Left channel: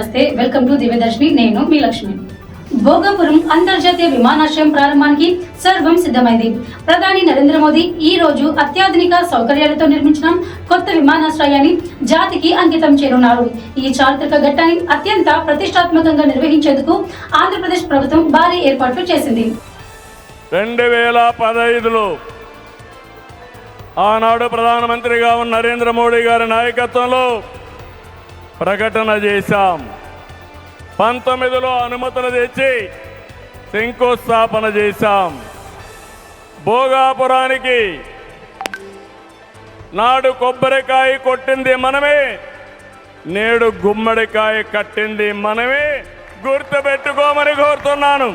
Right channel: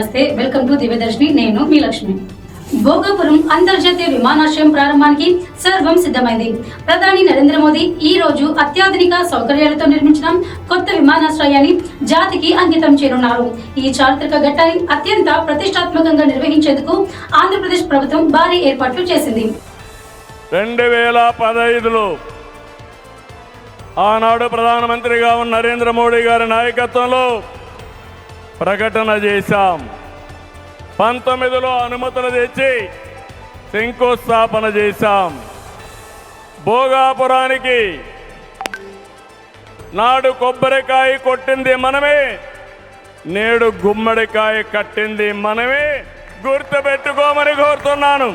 నమస్తే, welcome to Divyadarshini. నేను మీ లక్ష్మి. భోగాపురం అంతర్జాతీయ విమానాశ్రయం ప్రారంభానికి సర్వం సిద్ధమైంది. ప్రధాని నరేంద్ర మోదీ ఈ రోజు అత్యాధునిక సౌకర్యాలతో నిర్మించిన కొత్త విమానాశ్రయాన్ని జాతికి అంకితం చేయనున్నారు. ఈ చారిత్రక ఘట్టాన్ని అత్యంత ప్రతిష్టాత్మకంగా నిర్వహించేందుకు ఆంధ్రప్రదేశ్ ప్రభుత్వం భారీ ఏర్పాట్లు చేసింది. 2015లో ఆనాడు ప్రధానమంత్రిగా ఉన్న నరేంద్ర మోడీ గారి నాయకత్వంలో ప్రకటన చేశాం. 19లో అనుమతులు తెచ్చి శంకుస్థాపన చేశాం. భోగాపురానికి నాడు కొబ్బరికాయ కొట్టింది మనమే, నేడు గుమ్మడికాయ కట్టింది మనమే. గుర్తుపెట్టుకోమని కోరుతున్నాను.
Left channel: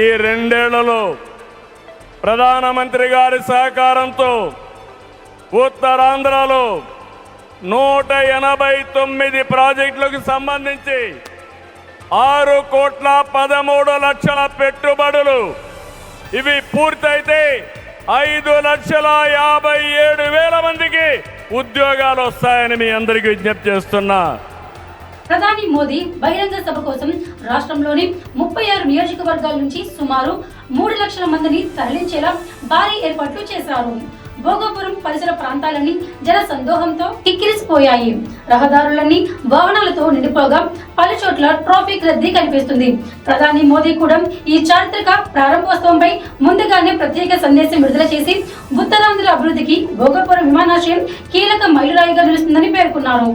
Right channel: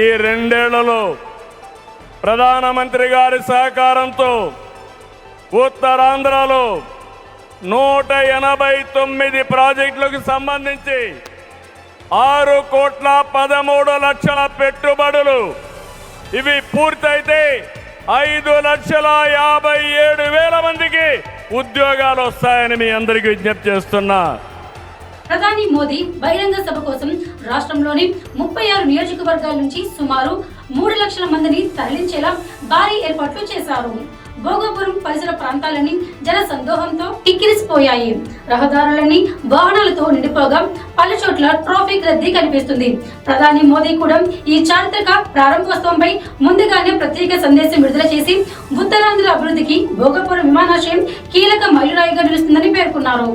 ఈ 2 ఏళ్లలో ప్రధానమంత్రి గారి సహకారంతో ఉత్తరాంధ్రలో 189 ప్రాజెక్టులకు సంబంధించి 6,13,00,000 పెట్టుబడులు. ఇవి పూర్తయితే 5,57,000 మందికి ఉద్యోగాలు వస్తాయని మీ అందరికీ విజ్ఞప్తి చేస్తున్నా. ప్రధాని మోదీ బహిరంగ సభ కోసం రాష్ట్రంలోని 36 నియోజకవర్గాల నుంచి సుమారు 3 లక్షల మందిని తరలించేలా భారీ ఏర్పాట్లు చేశారు. భోగాపురం పరిసర ప్రాంతాలన్నీ జన సందోహంతో కిక్కిరిసిపోయాయి. రహదారులన్నీ వాహనాలతో నిండిపోగా పలు చోట్ల ట్రాఫిక్ రద్దీ కనిపిస్తుంది. ప్రధాని మోదీ కూడా ఈ చారిత్రక ప్రారంభోత్సవంపై ముందుగానే ప్రత్యేక సందేశం విడుదల చేసి ఉత్తరాంధ్ర అభివృద్ధికి భోగాపురం విమానాశ్రయం కీలక మైలురాయిగా నిలుస్తుందని పేర్కొన్నారు.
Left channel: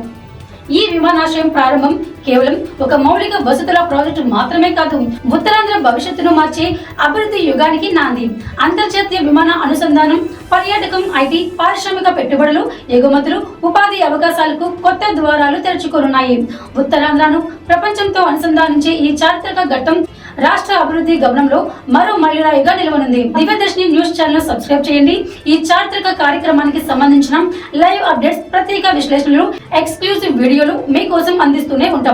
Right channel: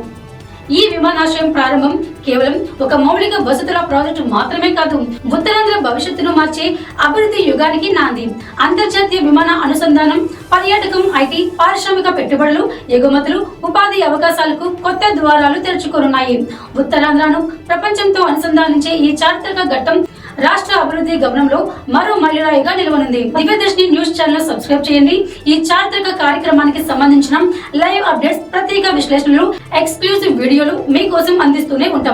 ఈ విమానాశ్రయం ప్రారంభం కేవలం ఒక మౌలిక వసతుల ప్రాజెక్టు మాత్రమే కాదు, ఉత్తరాంధ్ర భవిష్యత్తును మార్చే అభివృద్ధి యుగానికి నాంది. అంతర్జాతీయ విమాన అనుసంధానం, పర్యాటకం, ఐటీ, పారిశ్రామిక పెట్టుబడులు, ఎగుమతులు, ఉపాధి అవకాశాలకు కొత్త ద్వారాలు తెరుచుకోనున్నాయి. ఉత్తరాంధ్రను ప్రపంచంతో అనుసంధానించే ఈ చారిత్రక ఘట్టం రాష్ట్ర అభివృద్ధి గమనంలో మరో మైలురాయిగా నిలవనుంది. దివ్యదర్శిని న్యూస్ ఛానల్ సబ్స్క్రైబ్ చేయండి. ఈ చారిత్రక కార్యక్రమానికి సంబంధించిన లైవ్ అప్డేట్స్, ప్రత్యేక విశ్లేషణలు, ఎక్స్క్లూజివ్ వీడియోలు మీకోసం అందిస్తూనే ఉంటాం.